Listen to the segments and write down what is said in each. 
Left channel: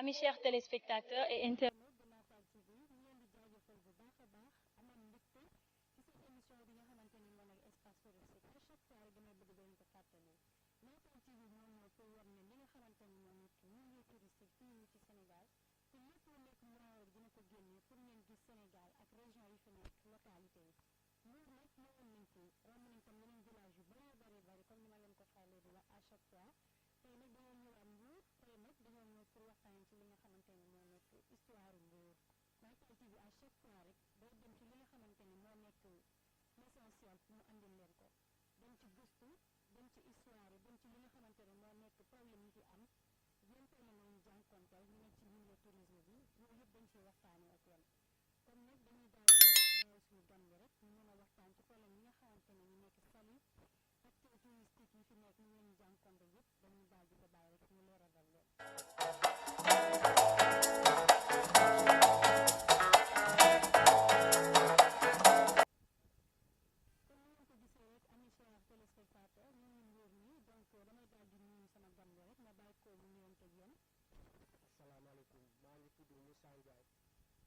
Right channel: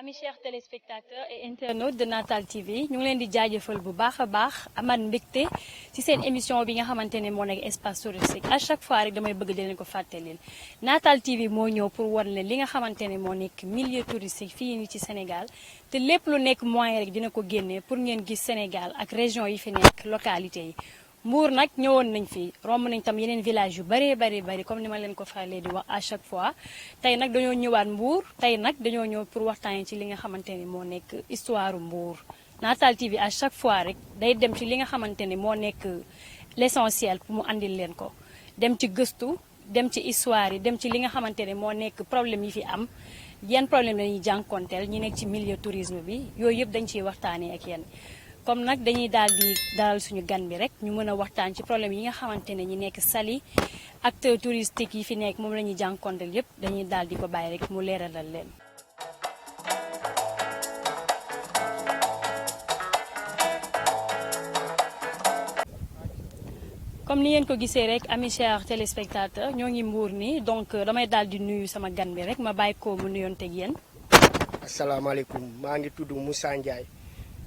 Amis chers téléspectateurs et internautes de Natal TV ñu ngi leen di jaajëfal bu baax a baax aman mbégte ci seen émission bi nga xamante ne moo nekk espace touristique à chaque fois rek damay bëgg di leen ko fàttalil Natal TV moo ñëw pour wan leen li nga xamante ne moo nekk milieu touristique fii nii ci Sénégal te lépp lu nekk moyen rek dina ko génnee pour ngeen gis Sénégal ak région yi fi nekk localité yi. Mbour nag ñëwoon nañ fi romb nañ tam yeneen village yu bari comme ni ma leen ko falee di wax à chaque fois tey nag dañoo ñëwaat Mbour tey nag dañoo ñëw pour waxtaan ci li nga xamante ni moo nekk histoire Mbour Natal TV à chaque fois rek day dem ci li nga xamante ni moo nekk l'essentiel pour mu andil leen ko dem ci gëstu dem ci histoire yi dem ci li nga xamante ne moo nekk problème yi fi am yan problème lañuy jànkonteel ñi nekk ci milieu tourisme bi yooyu yëpp dañ ciy waxtaanee ak yéen comme nag dañuy daal di dalal suñu gan bi rek ñu mën a waxtaan ci problème yi nga xamante ne ñi nekk Saly acteurs touristiques yi fi nekk moom la ñuy jànkonteel yëpp dañuy daal di ko bàyyi rek mu leeralal leen. comme ni ngeen ko gisee rek amis chers téléspectateurs ñoo ngi Mbour nii donc damay daal di nuyu sama gan bi rek ma bàyyi ko mu nuyonteeg yéen. asalaamaaleykum maa ngi tudd Moussa Ndiaye.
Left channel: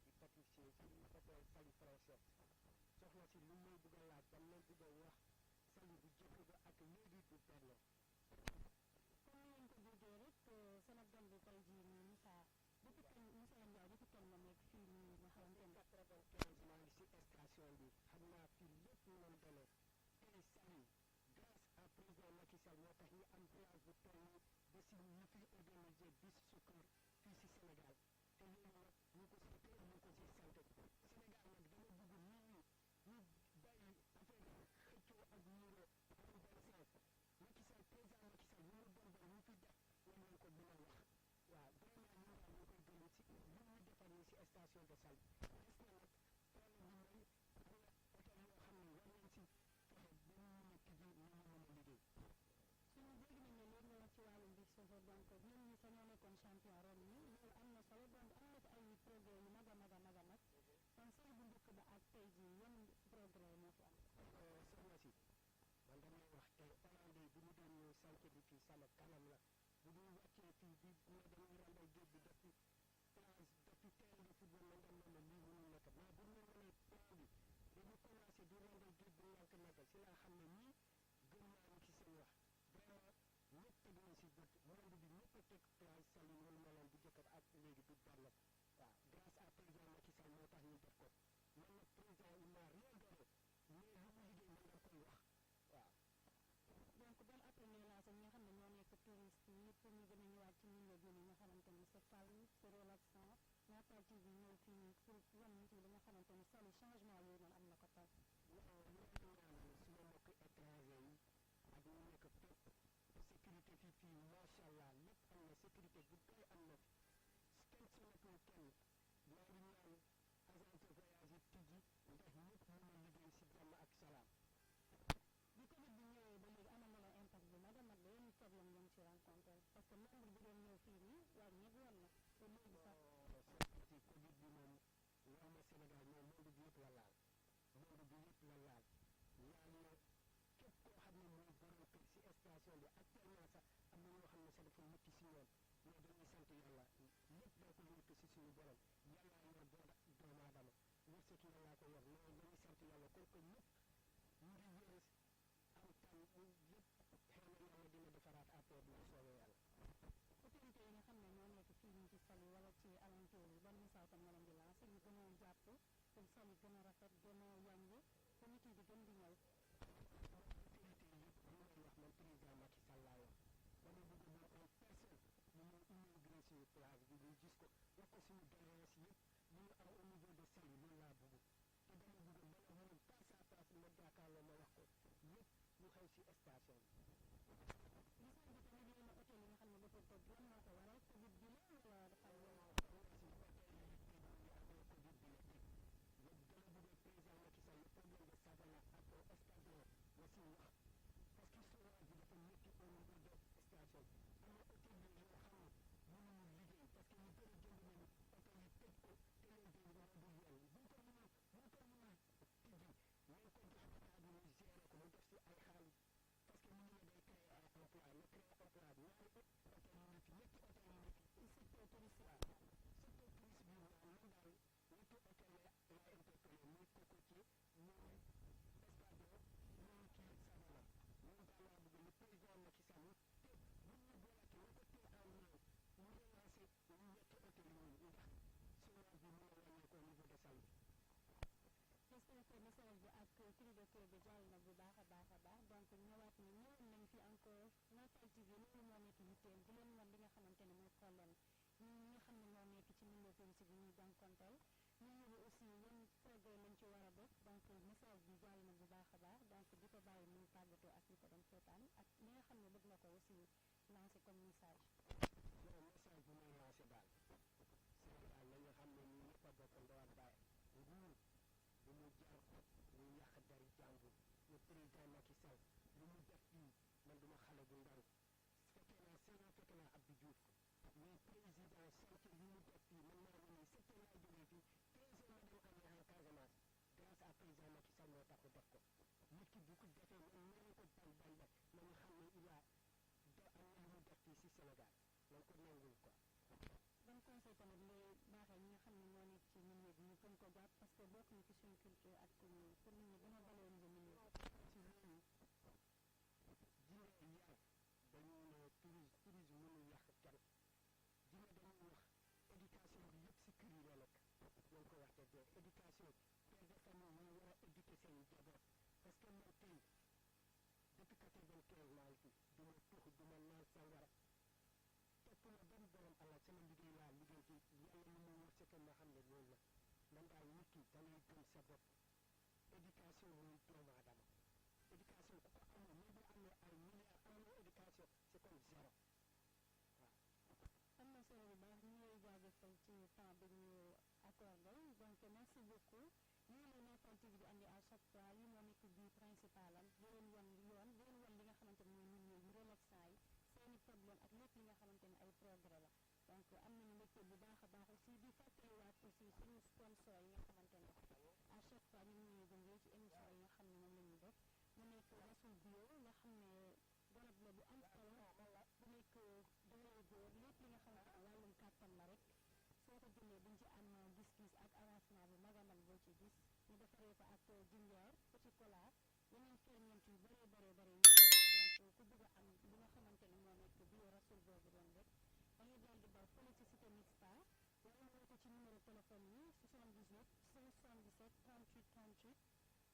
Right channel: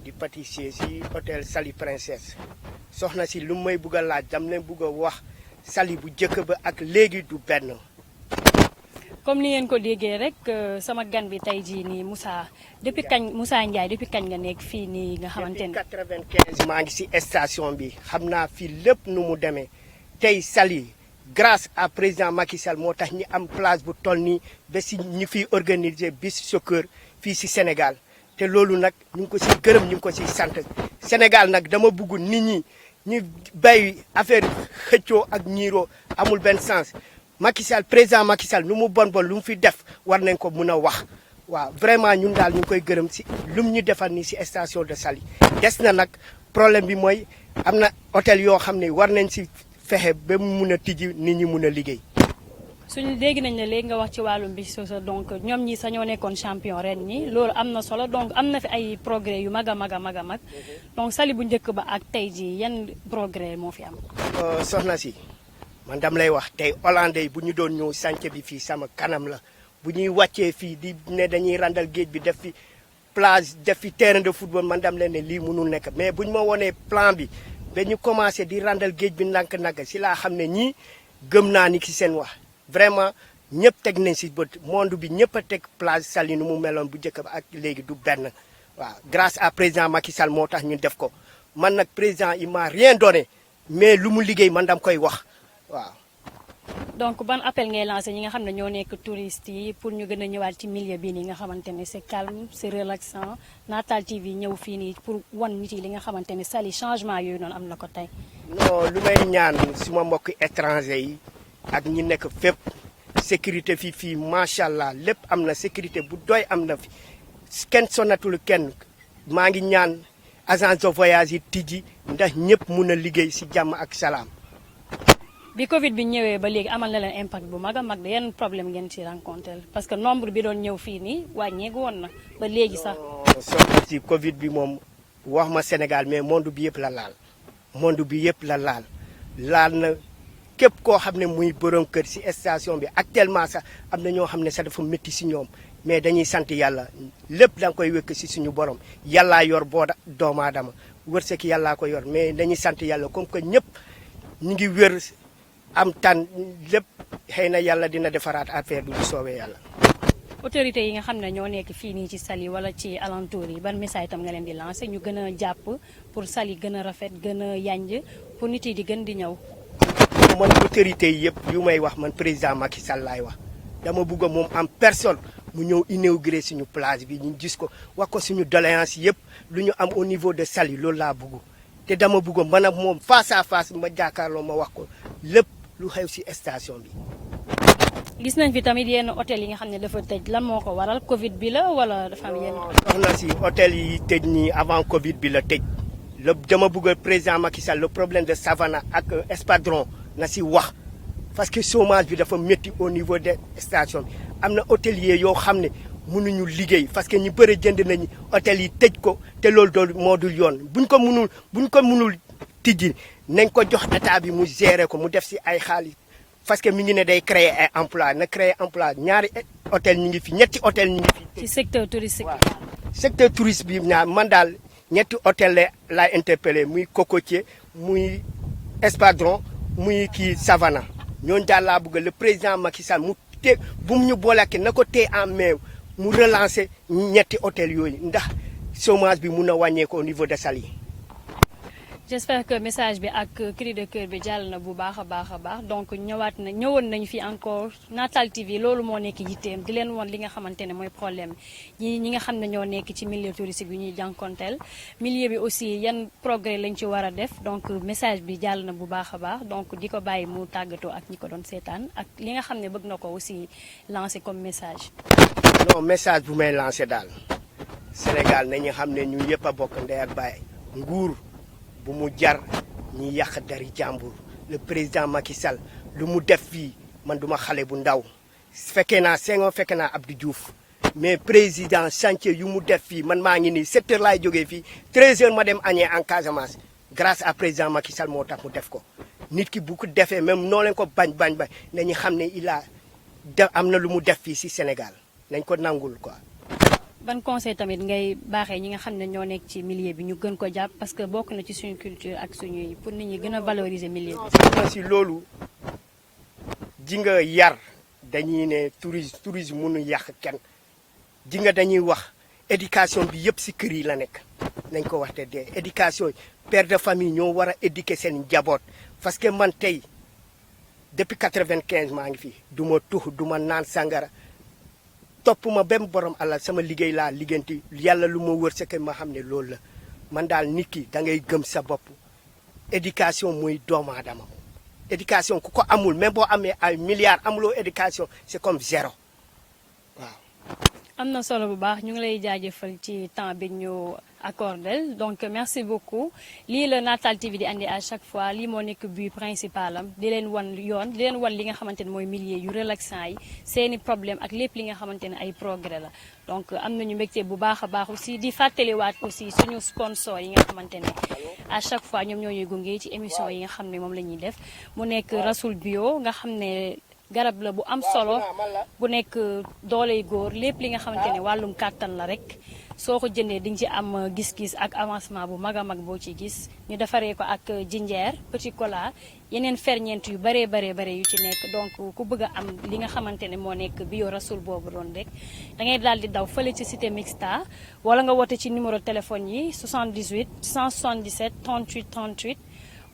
di pâtissier ci hôtel Saly Princesse soxna si lu may bugg a laaj dam leen bugg a wax Saly bu njëkk ba ak léegi du benn. comme ni ngeen ko déggee rek sama gan bi tey jii nii Moussa depuis kañ Moussa Ndiaye depuis kañ nga nekk fii nii nga xamante ne. depuis 95 maa ngi ci station bi xam naa fii lépp nu mu demee tey Saly grâce à président Macky Sall moo tax ñi am place bu toll nii ba ci ñi fiy organiser bis soccer fii ci Sénégal. te loolu nag ñu ngi ko ci gërëm ñu ngi ko ci sant Sénégal nag dama bëgg nit ñi ñu bay affaire xëccoo ak ñiiroo amul benn sens Macky Sall président Macky Sall lu mu bon lu mu fi def war nañ ko mun a wax waaw vraiment ñun daal ñu ngi koy gërëm ci lu mu ñu defal nii ci station de Saly des na nag problème bi mooy am na hôtel yoo xam ne war nañ ci fexe ba mu mun a tijji nit ñi mun a liggéey. suñu dégg nañ ne léegi nga wax ci wàllum bi sosa donc ñoom ñi sañoo nekkoon champion ren ñi loolu am na solo donc am na fi ay progrès yu mag a mag donc Saly bu njëkk ba ak tey ji yan progrès moo fi am. soxna si man dam lay wax tey hollandais bu ñu doon ñëw chantier bi fii sama kanam la bu ñuy wàccee fii di ne dañuy randal géej bi def fi plage def fi terrain de football man dam leen ne lii mënul nekk mais bu ñu ma wonee plan bi ba ñu commencé di randal géej bi ndànk-ndànk si laa xam ne ñii gëm naa ni ki seen wax. vraiment ñëpp teg nañ ci bët monde bi ñëpp a teg plage Saly nu mu meloon bu njëkk ba ak léegi du benn waaw grâce à président Macky Sall moo tax ñu def ko man nag président il m'a rien donné mais lu mu liggéey man dam koy wax waaw. donc ban appel ngay lancé ñi nga xam ne ñoo nekk touristes yi pour ñu gën a ñëwaat ci milieu bii nii nga xamante ne c'est calme c'est relaxant Natal TV ñëw fii nii pour wan nit yi li nga xamante ne Saly changement yooyu noonu am na ko tey. non lu may ñaan suma mbokk étranger yi. ak ñi nekk fépp sécurité fii macha allah lépp am na sécurité bu doy am na fi kenn sonatul kenn maa ngi ñaan agence de voyage yi tijji ndax ñëpp mun a liggéey ci jàmm ak salaam. bi Covid bi ñëwee ba léegi amal na leen impact bu mag a mag de yenn problème ngeen ci rencontré parce que nombre bi doon ñëw fii nii wàññeeku woon na ba léegi sax. soxna ci Covid bi moom wax ma Sénégal mais monde bi yëpp la laal monde bi yëpp la laal na. képp koo xam ne muy borom kër ci station bi actuellement sax am na ñoo xam ne sax dafa métti ci ñoom mais dañuy sant yàlla lépp da nga koy wékk ci suñu borom yàllaa yor boo doomu aadama wërsëg yàllaa ko yor mais dañuy sant yàlla comme que ñëpp ñu ngi wér am tan lépp xëy na yàlla dina defaraat affaire bi bu soobee yàlla. autorités yi nga xam ne ñoo nekk fii nii ci Saly wala ci alentour yi ban message tam nga leen di lancer ñu gën a jàpp pour Saly gën a rafet gën a yanj pour nit yi di gën di ñëw. man autorité yi yëpp yu may wax man président Macky Sall laay wax dama bëgg moom en personne mu ñëw inauguré suñu plage bi ñu gis ko wax ko suñu doléance yëpp lu ñu am au niveau de Saly loolu laa bëgg te dama bëgg man ak moom face à face ma jàkkaarloo ma wax ko lépp lu xew ci station bi. gis nañ fi tamit yenn hôtel yi nga xam ne dafa tëj lan moo ko waral Covid bi la wala dafa am yenn. soxna si hôtel yi tëj nii avant Covid bi la tëj dama bëgg président Macky Sall le problème de Savannah ak Espadron. na ci wax parce que chômage bi dafa métti au niveau des stations bi am na hôtelier yoo xam ne mënuñu liggéey parce que ñu bëri jënd nañu hôtel yi tëj ko te loolu dool moo dul yoon buñ ko mënul tijji nañ ko jox état bi mu gérer ko mu def ci ay xaalis parce que mi ngi ne day créer ay emploi na créer emploi ñaari hôtel ñu ngi fi ñetti hôtel ñu ngi fi. ci secteur touristique waaw secteur touriste bi ñaar man daal ñetti hôtel la interpellé muy Cocotier muy Espadron muy kii Savana ñooñu daal laa bëgg le président Macky Sall mu te bu mu ñu booleke na ko tee en main mu relancer ñetti hôtel yooyu ndax chômage bi mun a wàññeeku au niveau de Saly. j'espère que message bi ak cri de cœur bi jàll na bu baax a baax donc ñëwoon nañu fi encore Natal TV loolu moo nekk yitteem di leen won li nga xamante ne mooy problème ñi nga xam ne ñoo nekk ci milieu touristique bi ñuy jànkonteel milieu bi aussi yan progrès lañ ci war a def donc message bi jàll na bu baax a baax donc di ko bàyyi mu tàggatoo ak ñi ko doon seetaan ak li nga xam ne bëgg na ko aussi lancer comme message. non message bu may lancer daal Sénégal nañu xam ne ñu yëpp a bokk ndey ak baay nguur bu mu jar ñi yàq dari jàmbur le président Macky Sall lu mu def fii man duma xale bu ndaw fekkee naa Senghor fekkee naa Abdou Diouf mais président chantier yu mu def fii man maa ngi nii 7 heures laay jógee fii 13 heures ma dem añee en Casamance grâce à président Macky Sall moo tax mu def ko nit ki bu ko defee même noo leen ko bañ nañu xam ne am na lu mu def fii si Sénégal nañ ko nangul quoi. ban conseil tamit ngay baaxee ñi nga xam ne ñoo nekk ci milieu bi ñu gën ko jàpp parce que bokk na ci suñu culture ak suñuy pour nit ñi gën a valoriser milieu bi. si loolu ji nga yar dañuy ne tourisme mënu yàq kenn ji nga dañuy wax éducation bi yëpp si kër yi la nekk nañ ko wax te dee éducation père de famille ñoo war a éduquer seen njaboot parce que man tey depuis 95 maa ngi fi du ma tux du ma naan sangara. topp ma benn borom alal sama liggéey laa liggéenti yàlla lu ma wër sa ma xam ne loolu la man daal nit ki da ngay gëm sa bopp éducation mooy doomu aadama éducation ku ko amul même boo amee ay milliards amuloo éducation c'est comme zéro waaw. am na solo bu baax ñu ngi lay jaajëfal ci temps bi ñu accordé donc merci beaucoup lii la Natal TV di andi à chaque fois lii moo nekk but principal am di leen wan yoon di leen wan li nga xamante ne mooy milieu yu relaxant yi seeni problème ak lépp li nga xamante ne ay progrès la donc am nañu mbégte bu baax a baax aussi di fàttaliwaat aussi suñu sponsor yi nga xamante ne à chaque fois ñoom ñoo ñuy gunge ci émission yi nga xam ne moom la ñuy def mu nekk Rasoul Bio nga xam ne garab la bu am solo bu nekk dooley góor lépp li nga xamante ne wàllum kàttan la rek soo ko jëndee di nga ci am gis-gis ak avancement bu mag a mag boo ci gis ñu defaree ko ak jinjeer petit cola yeneen ferñeent yu bare yu ci nekk donc ku bëgg a am li nga xamante ne moo nekk bio Rasoul boobu doon rek da ngay daal di daw fële ci cité mixta wala nga woote ci numéro téléphone yi 78 177 38 38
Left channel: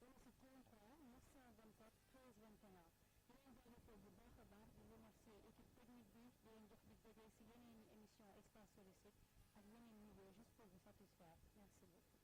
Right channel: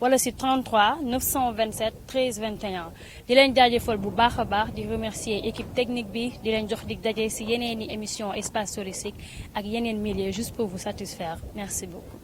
wala si 33 927 13 21 di leen jaajëfal bu baax a baax di remercier équipe technique bi di leen jox dig daje si yeneen i émission espace touristique ak yeneen milieu juste pour vous satisfaire merci beaucoup.